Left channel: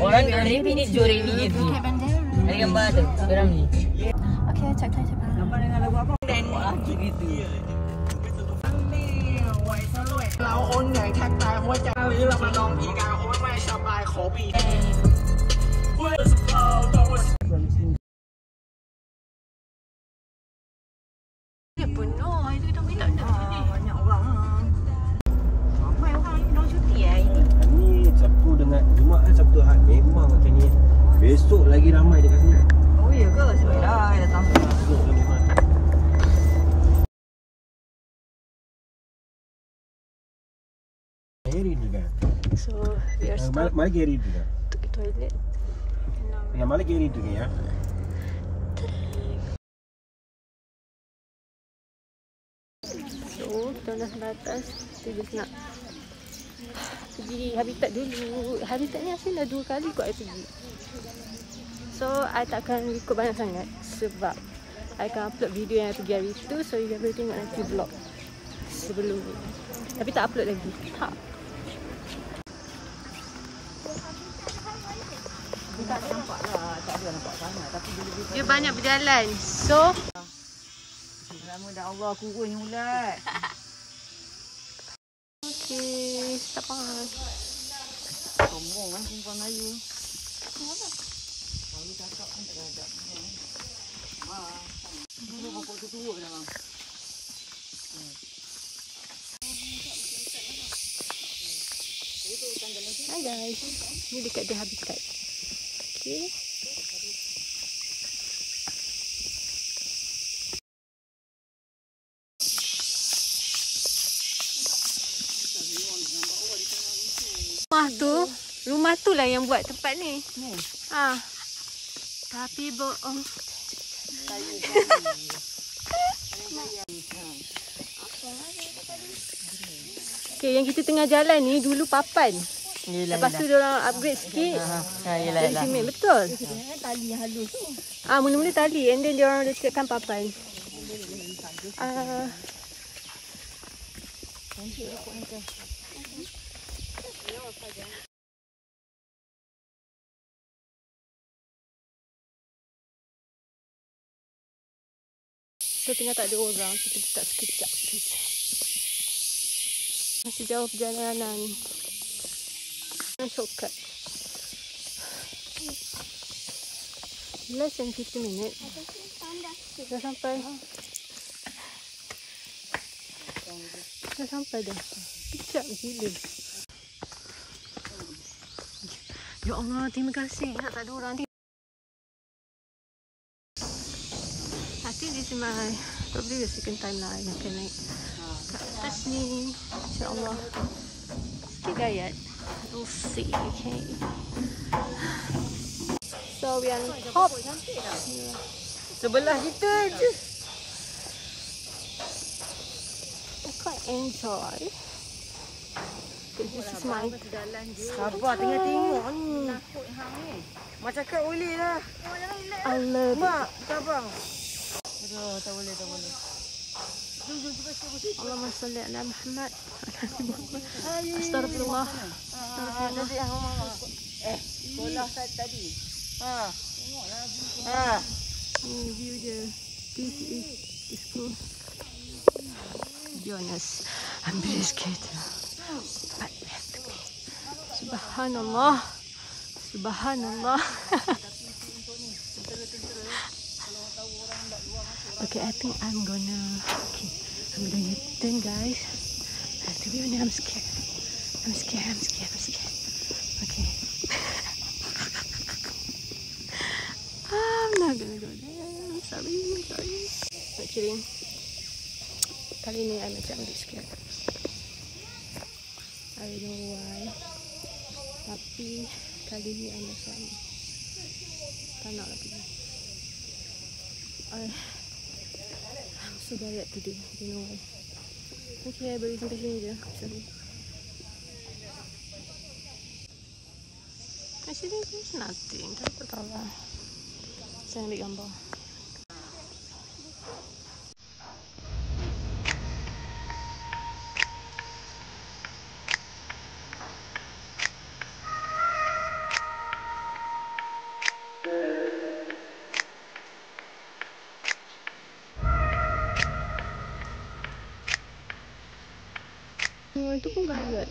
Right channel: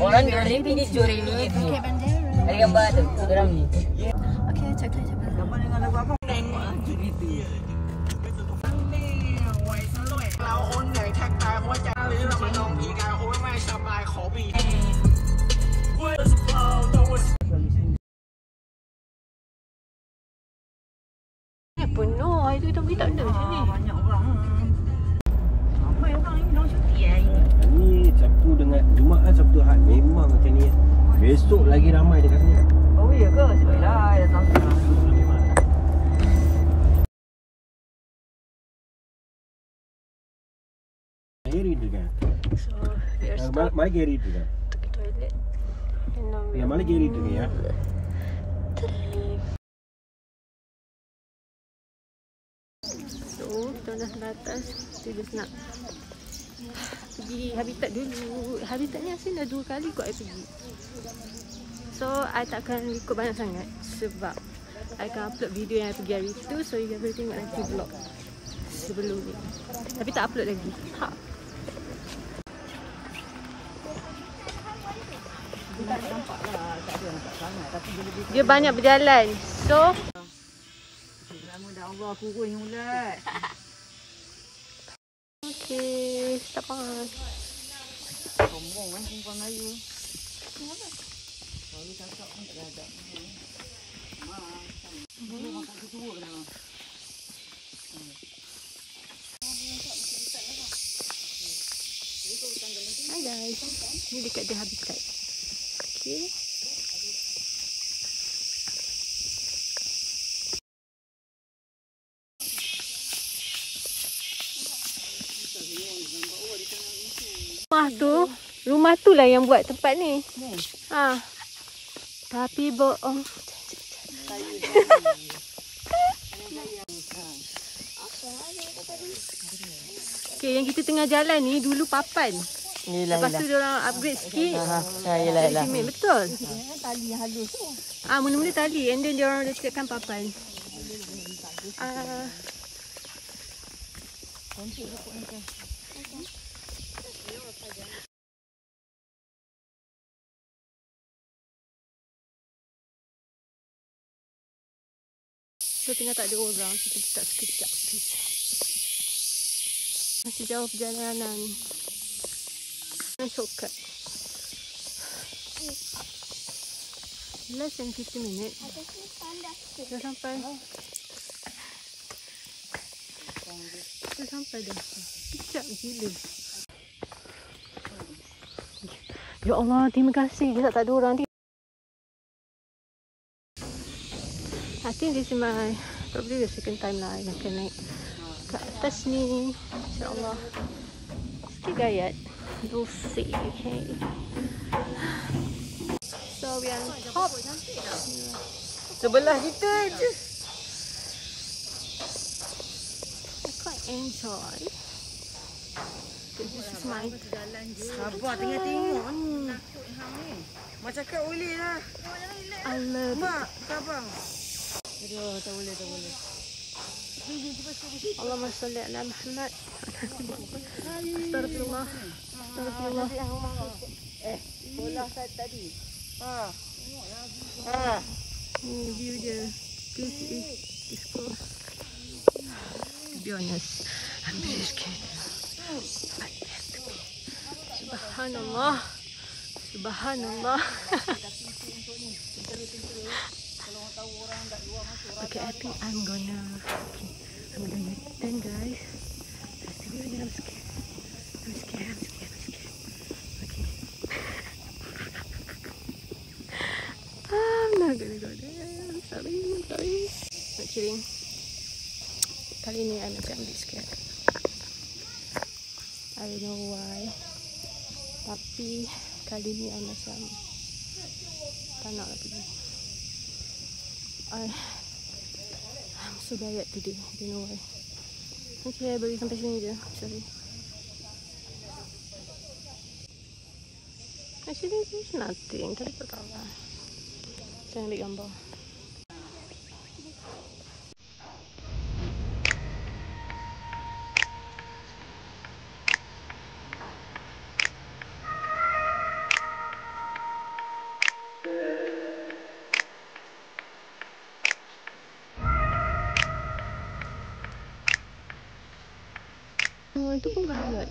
Orang ni juri ni gitu. Kayak bandera. Ada gambar tu, orang ni. Okay, check time. Gambar dengan lagu apa? Wah, gitu. เราโอนใหญ่ทักทายหัวใจหรือเรามาลองผีกายโอนไม่สบายขอบี penuh. Hari tu tapi tak ada macam ni. Banyak orang. Ramai orang ni duduk cuti ini. Ni Sabtu dengan Jumaat, Sabtu Ahad memang macam ni. Besok lagi ramai dekat sini. Oh iya ke? Sebablah datang sekarang. Gary tu kan. So, we are stop Mana Gary tu kan? to the toilet. Mana Gary tu ni ya? So, kita dah sampai atas. Kita just nak pergi habitat dulu. Habitat ni asyik dah 2 kali kot I pergi. So, I takkan ikut banyak sangat sebab I akan upload video yang I pergi hari tu. So, you boleh tengok nanti vlog sebelum ni. Tapi tak upload lagi. Ha. Tak nampak lah, tak ada nampak sangat. Tapi Dia banyak berjalan. So, nama dah Allah kurun yang ulat. okay, stop on. Sombong kan perempuan Melayu. Kalau cakap pun tak ada. Dia mampu tua dalam. Hi guys. Ni dekat dia habitat. Okay. Rumah tu lah yang buat tempat ni. Ha. Tapi bohong. Okay, yang kita tengah jalan ni dulu papan. Lepas tu diorang upgrade sikit. Jadi cement, betul. Tali yang halus tu. Mula-mula tali and then diorang lecetkan papan. So tengah tak ada orang, kita letak sekejap. Masih jauh perjalanan. Shortcut. Less than 50 minutes. Dah sampai. Dah sampai dah. Kejap gila. Ya Allah, terima kasih. Tak ada orang. I think this is my probably the second time lah yang akan naik ke atas ni. InsyaAllah. Still gayat. We'll see. Okay. So we are on top. Sebelah kita je. I quite enjoy. Because this is my Sabar tengah tengok ni. Mak cakap boleh lah. I love it. Mak, sabar. Aduh, tak boleh, tak boleh. Allahumma salli ala Muhammad. Astagfirullah. Astagfirullah. Sekolah saya tadi. Ni view dia. This is the school. To be honest, I'm really scared. But we have to go. Subhanallah. Subhanallah. Okay, I think I'm gonna U-turn, guys. To be honest, I'm scared. I'm scared. Okay. I'm not gonna go there. I'm sorry. Not kidding. Kali ni I macam a bit scared. I don't know why. Tapi kali ni I macam tak nak lah pergi. I'm so tired today. I don't know why. Okay, I bagi sampai sini je. Sorry. Actually, there's nothing. Tapi tak tahu lah. Saya ambil gambar. pun gayat.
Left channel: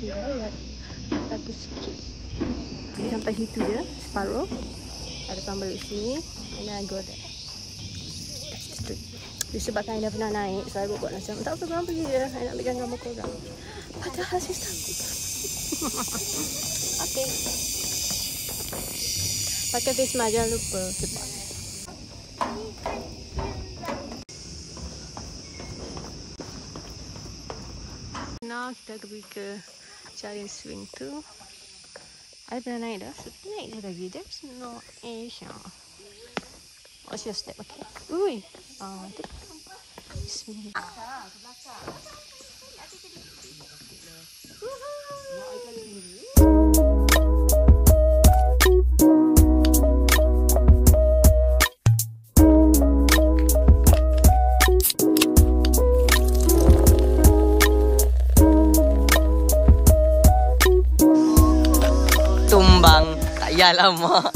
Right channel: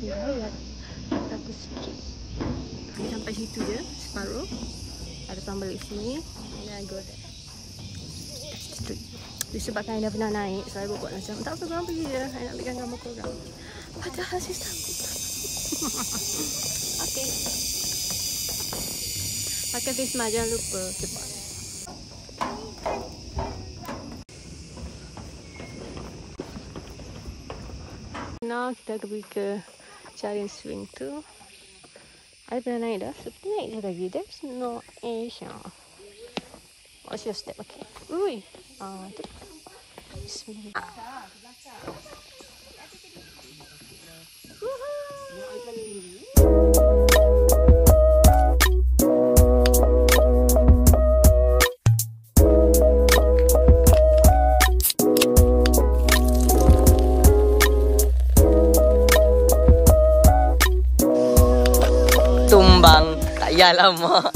Gayat. Satu sikit. Sampai situ je, separuh. Ada depan balik sini. Ini agak. Disebabkan I dah pernah naik, so I buat macam tak apa, korang pergi je. I nak ambilkan gambar korang. Padahal saya takut. Okay. Pakai face mask, jangan lupa. Cepat. Now kita pergi ke Giant Swing tu. I pernah naik dah, so kita naik je lagi. There's no issue. What's your step? Okay. Ui. Tu. Bismillah. Tumbang tak payah lama.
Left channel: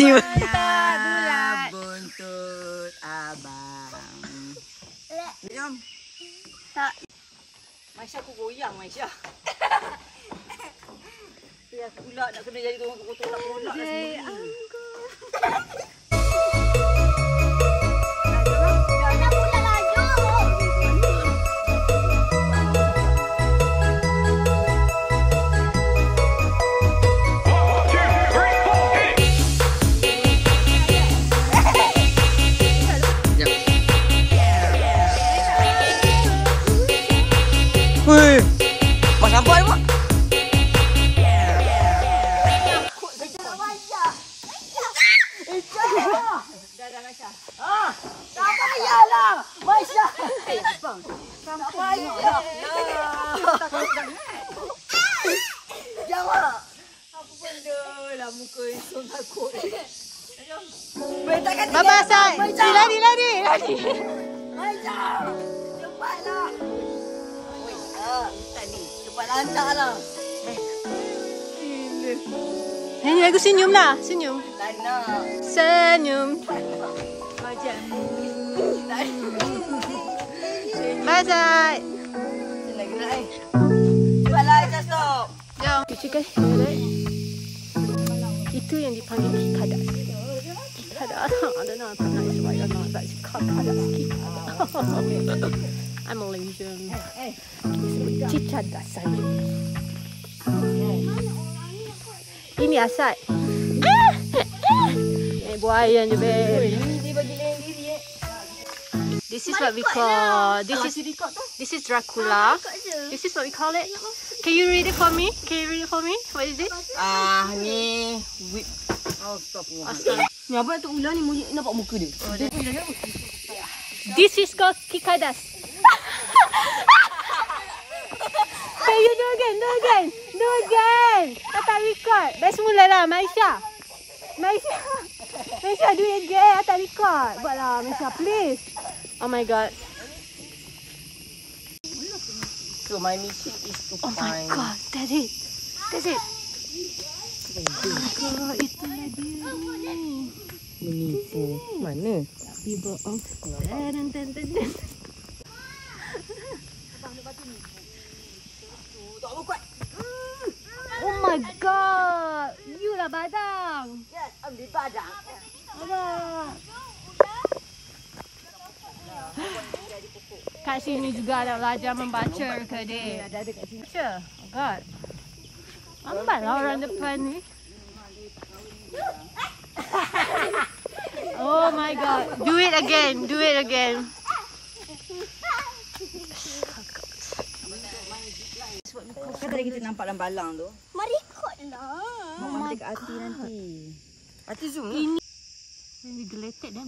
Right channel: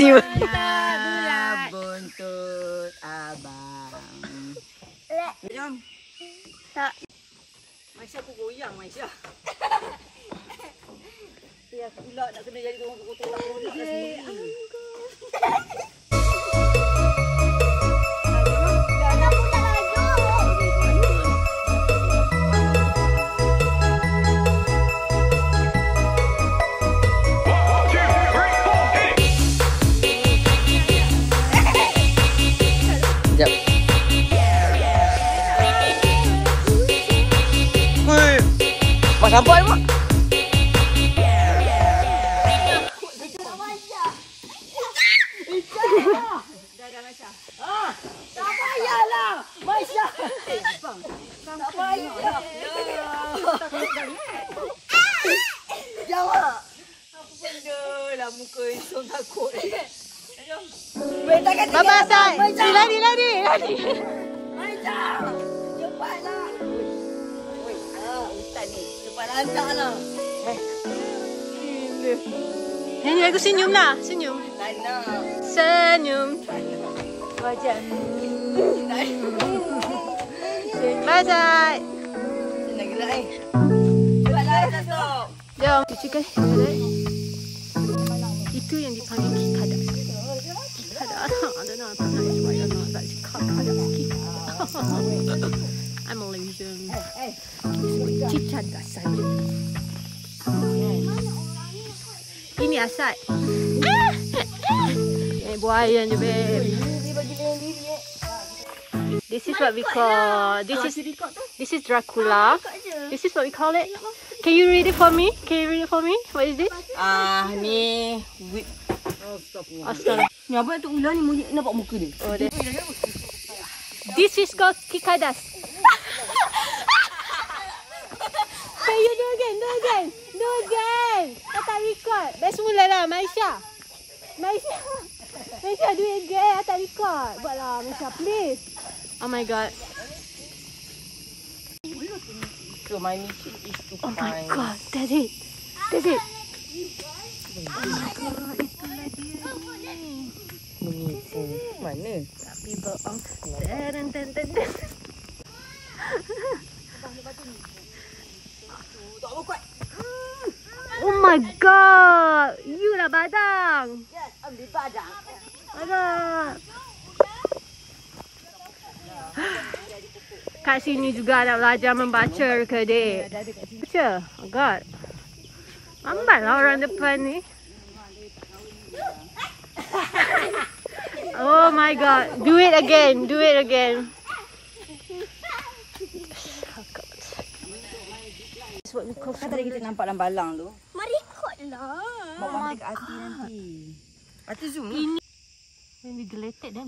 Tiba buntut abang. Jom. Tak. Maisha aku goyang Maisha. Ya pula nak kena jadi kotor-kotor pula sendiri. Mak sampai mak. Tak payahlah Maisha. Tak payah. Jangan. Apa benda lah muka Isong takut. Baba Sai. Lari. Maisha. Cepatlah. Cepat lantaklah. Nyanyi lagu senyum lah. Senyum. Tak nak. Senyum. Macam ni. Bye Sai. Senang gerak Cepatlah Datuk. Jom. Itu kan. Itu yang dipanggil kikadas. Kikadas. I don't know if I'm not right or not. But kikadas. I'm Malaysian. Kikadas saja. Ini asal. Buaya ni babe. This is what we call. This is Dracula. This is what we call it. Can you read it for me? What is it? Ni Astaga. Ni apa nak ular ni monyet nampak muka dia. Oh, this is called kikadas. Can you do again? Tak record. Dah semula lah, Maisha, do it again. Tak record. Buatlah, Maisha, please. Oh my god. So my mission is to Oh my god. That's it. Oh my god, itulah dia ni. Mana? People on. Tak apa kuat. Oh my god. You lah badang. Yes, ambil badang. Alah. Kat sini juga nak belajar membaca ke dek? Baca. Oh god. Lambat lah orang depan ni. Oh my god. Do it again. Kan tadi kita nampak dalam balang tu. Mari ikutlah. Bawa dekat hati nanti. Hati zoom ni. Ini deleted dah.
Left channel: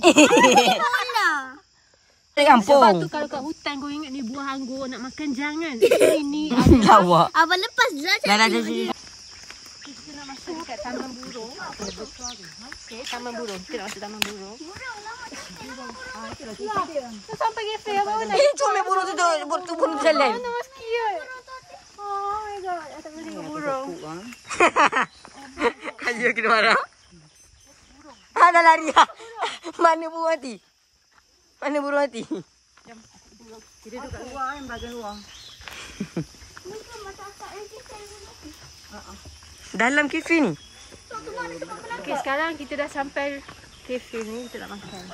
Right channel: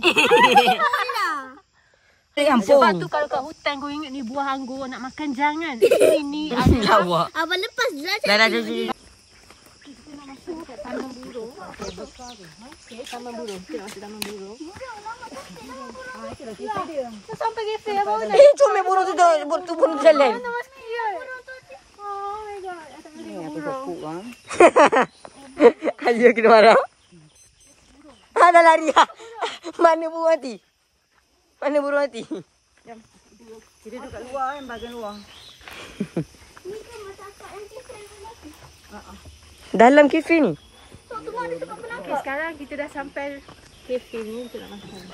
Kampung. Sebab tu kalau kat hutan kau ingat ni buah anggur nak makan jangan. Ini adalah Abang lepas je lah. Dah jadi. kita nak masuk dekat taman burung. Okey, taman burung. Kita nak masuk taman burung. Itulah dia. Tu sampai cafe apa mana? Comel burung tu burung jalan. Nama sikit. Oh my god, saya tak boleh tengok burung. Ayo kita marah. Dah lari lah. Mana burung mati? Mana burung mati? Luar kan, bahagian luar. Ni kan masak yang kita mati. Dalam kafe ni? Okay, sekarang kita dah sampai kafe ni. Kita nak makan.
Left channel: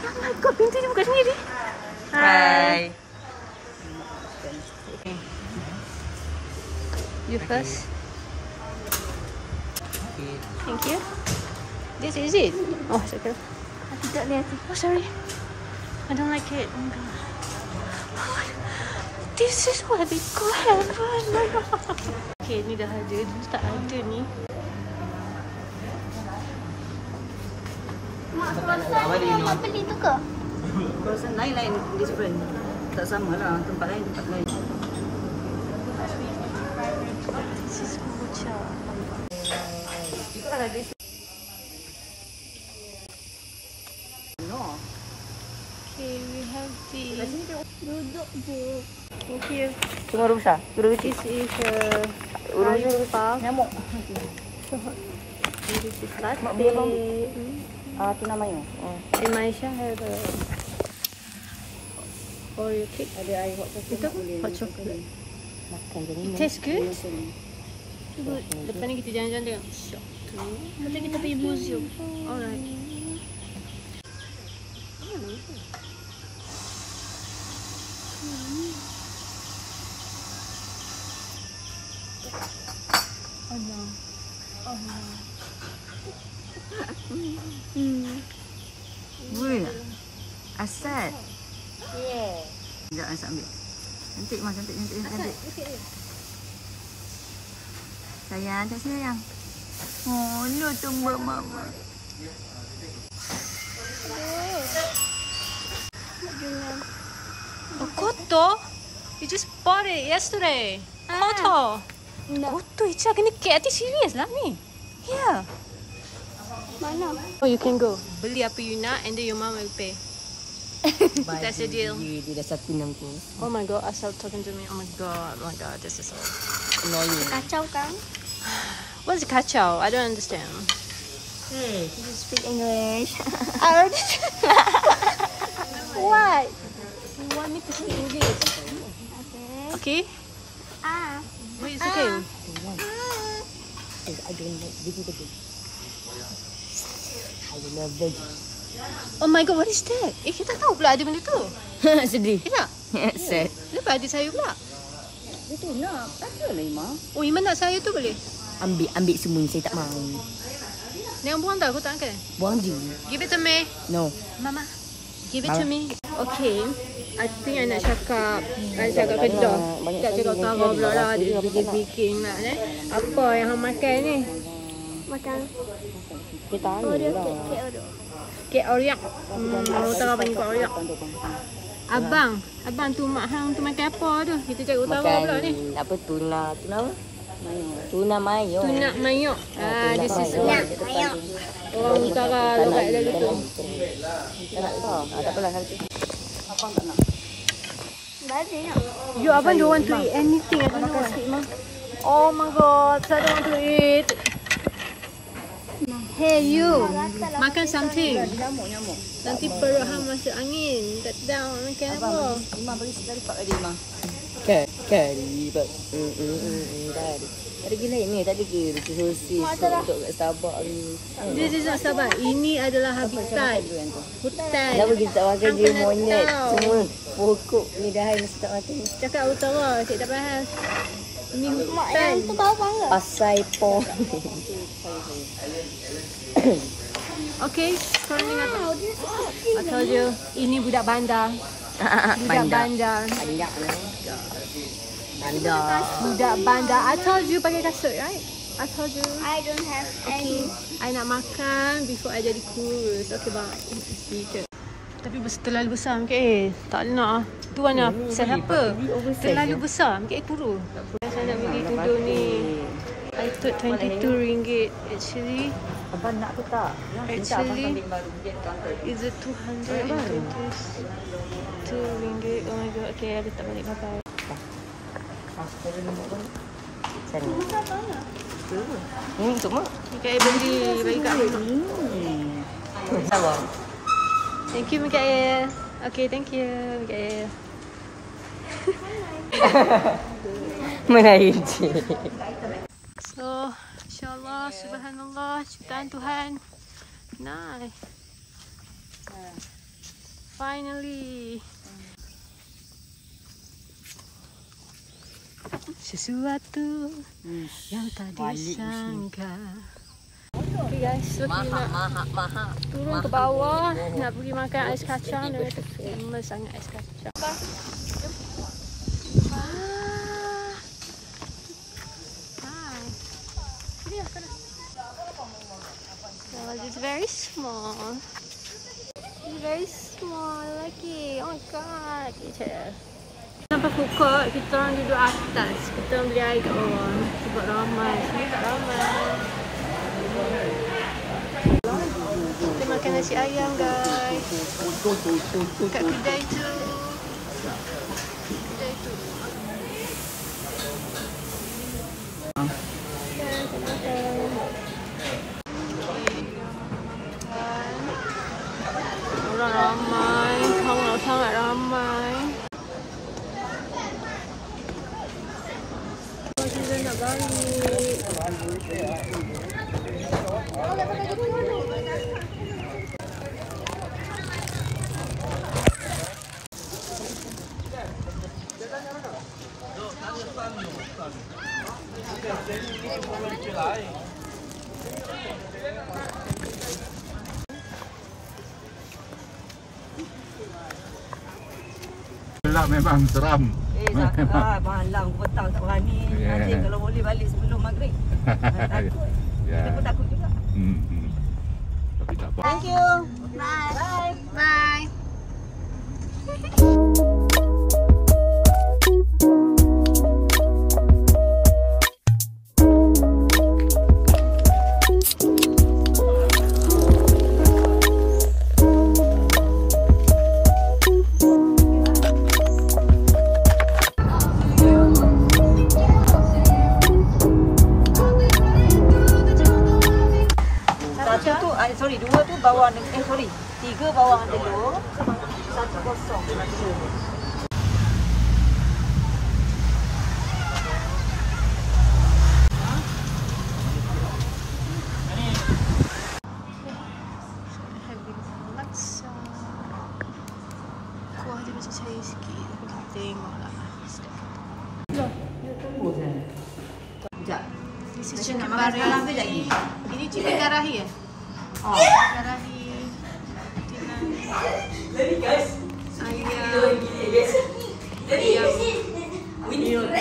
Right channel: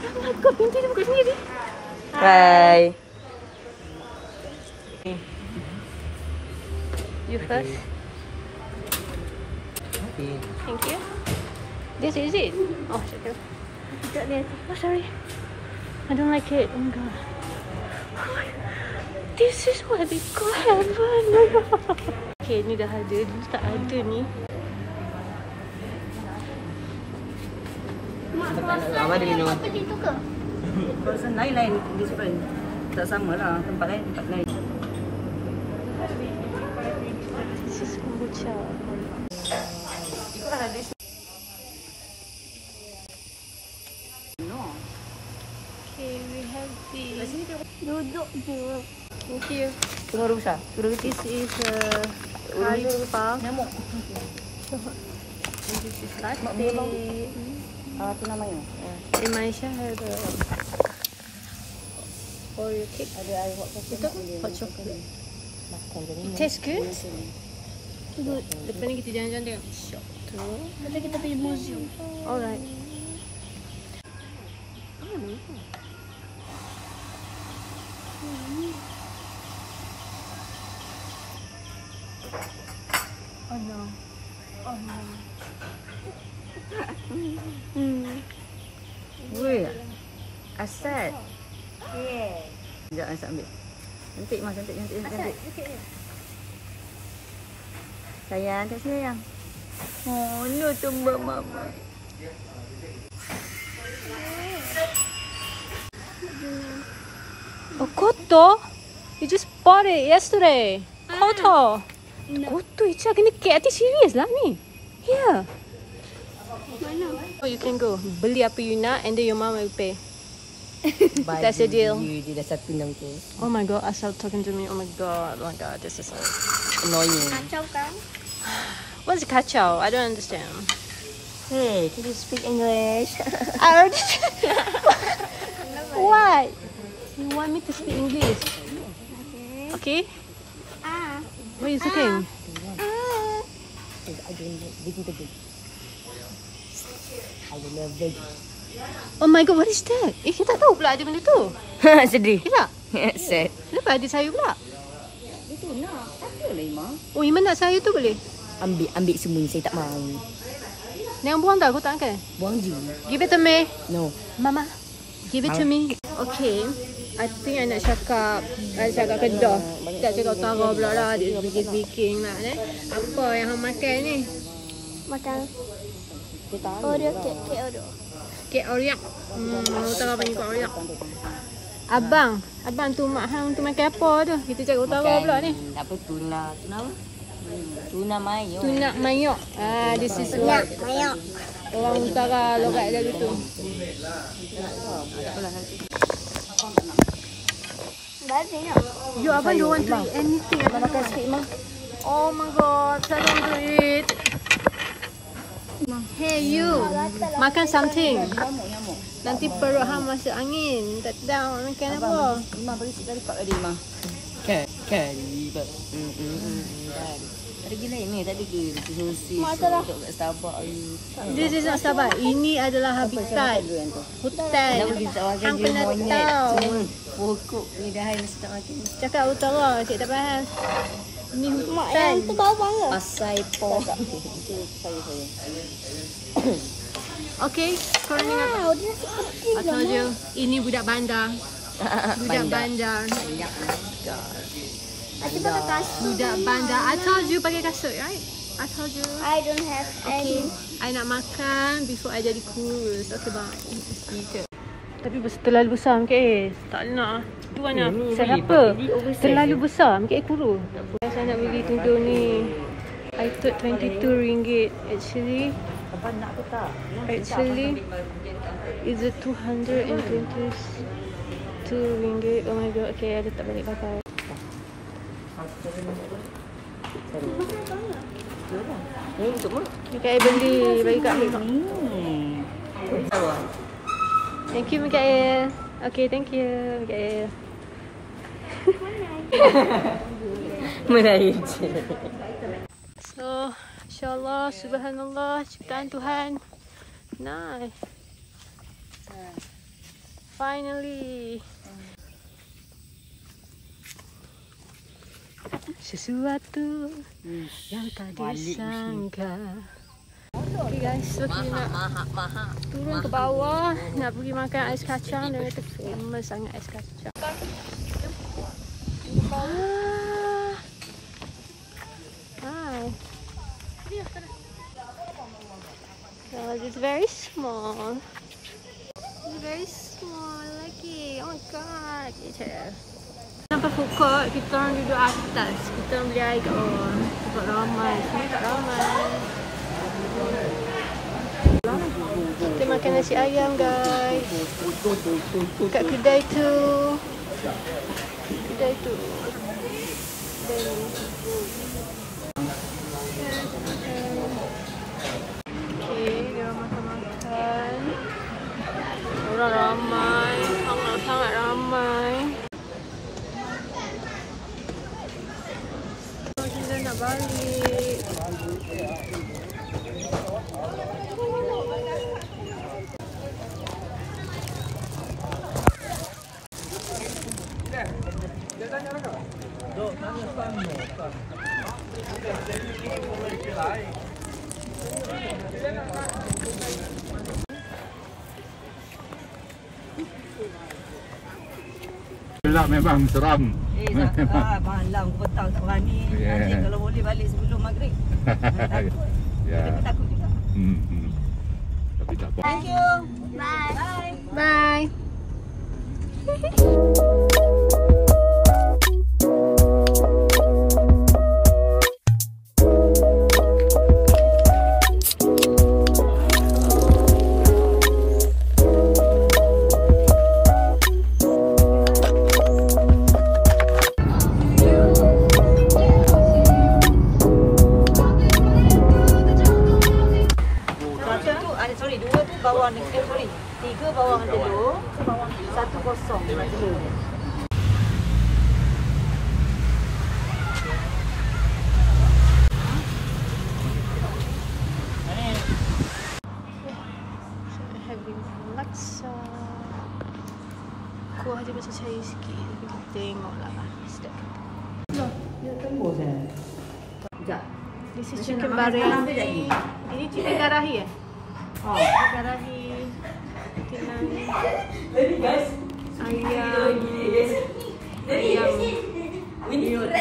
Oh my god, pintu dia buka sendiri. Hai. Okay. You first. Thank you. This is it? Oh, second. Oh, sorry. I don't like it. Oh my god. This is what they call heaven. Oh my god. Okay, ni dah ada. Dulu tak ada ni. Apa beli tu ke? Kawasan lain-lain, different. Tak sama lah, tempat lain, tempat lain. This is kombucha. Okay, we have this. Duduk je. Thank you. Tengok orang besar. This is kayu puff. Nyamuk. And this is latte. Apa namanya? And Maisha have a Oreo cake. Ada air hot coffee. Itu macam Makan je ni. it tastes good. Good. Lepas ni kita jalan-jalan tengok shop tu. Nanti kita pergi museum. Alright. Oh no. Oh no. Weh. Asad. Yeah. Sekejap, Asad ambil. Cantik mas, cantik. Sayang, tak sayang. Oh, no tumbang mama. Oh, kotor? You just bought it yesterday. Kotor. Kotor, Icha. Kena hati serius lah ni. Here. Mana? Oh, you can go. Beli apa you nak and then your mom will pay. That's a deal. Dia dah satu enam tu. Oh my god, asal talking to me. Oh my god, this is so Kacau kan? What's kacau? I don't understand. Hey, can you speak English? What? You want me to speak English? Okay. What are you speaking? I don't like veggie. I love veggie. Oh my god, what is that? Kita tak tahu pula ada benda tu. Sedih. Ya? Sad. Kenapa ada sayur pula? Dia tu nak. Ada lah Ima. Oh, Iman nak sayur tu boleh? Ambil semua saya tak mau. Jangan buang tak, aku tak makan. Buang je. Give it to me. No. Mama, give it to me. Okay, I think I nak cakap Kedah. Tak cakap Tara pula lah. Dia speaking lah. Apa yang hang makan ni? Makan Oreo kek Oreo. Kek Oreo. Utara panggil kek Oreo. Abang tu mak hang tu makan apa tu? Kita cakap Utara pula ni. Apa tuna apa? Tuna mayo. Tuna mayo. Dia Tuna mayo. orang utara logat dia gitu. Tak apalah. Abang tak nak. Dah ada nak. You abang don't want to eat anything. I don't know why. Oh my god, I don't want to eat. Hey you, makan something. Nanti perut hang masuk angin. Tak tahu makan apa. Imam boleh sekali pak dia Imam. Kari pak. Tadi gila ni tadi ke sosis untuk kat Starbucks ni. Dia nak sabar. Ini adalah habitat hutan. Kenapa kita tak makan je monyet semua pokok ni dah mesti tak makan. Cakap utara, cik tak faham. Ini hutan. Tu kau mana? Pasai pong. Okay, korang dengar tak? I told you, ini budak bandar. Budak bandar. Budak bandar. I told you pakai kasut, right? I told you. I don't have Okay, I nak makan before I jadi kurus. Okay, bye. Tapi terlalu besar MKA. Tak nak. Tu mana? Saya apa? Terlalu besar MKA kurus. Saya nak beli tudung ni. I thought RM22. Actually, is it RM222? Oh my god. Okay, I letak balik. Bye-bye. Ni untuk mak. Mikael beli bagi kat mak. Sama. Thank you Mikael. Okay, thank you Mikael. Mengair je. So, insyaAllah, subhanallah, ciptaan Tuhan. Nice. Finally. Sesuatu yang tak disangka. Okay guys, so kita nak turun ke bawah. Nak pergi makan ais kacang. Dan kata famous sangat ais kacang. Hi. So it's very small. It's very small lagi. Oh my god. Sampai food court, kita orang duduk atas. Kita orang beli air kat bawah. Sebab ramai. Sini tak ramai. Kita makan nasi ayam guys. Kat kedai tu. Kedai tu. Okay, dia orang makan-makan. Orang ramai. Sangat-sangat ramai. Kita nak balik. Gelap memang seram. Malam petang tak berani. Nanti kalau boleh balik sebelum maghrib. Takut. Ya. Aku takut juga. Tapi tak apa. Thank you. Bye. Bye. Tiga bawah dulu, satu kosong. Having some laksa. Kuah dia macam cair sikit. Tengoklah step. Sekejap. This is chicken barahi. Ini chicken karahi eh? Oh. Chicken karahi. Tinan.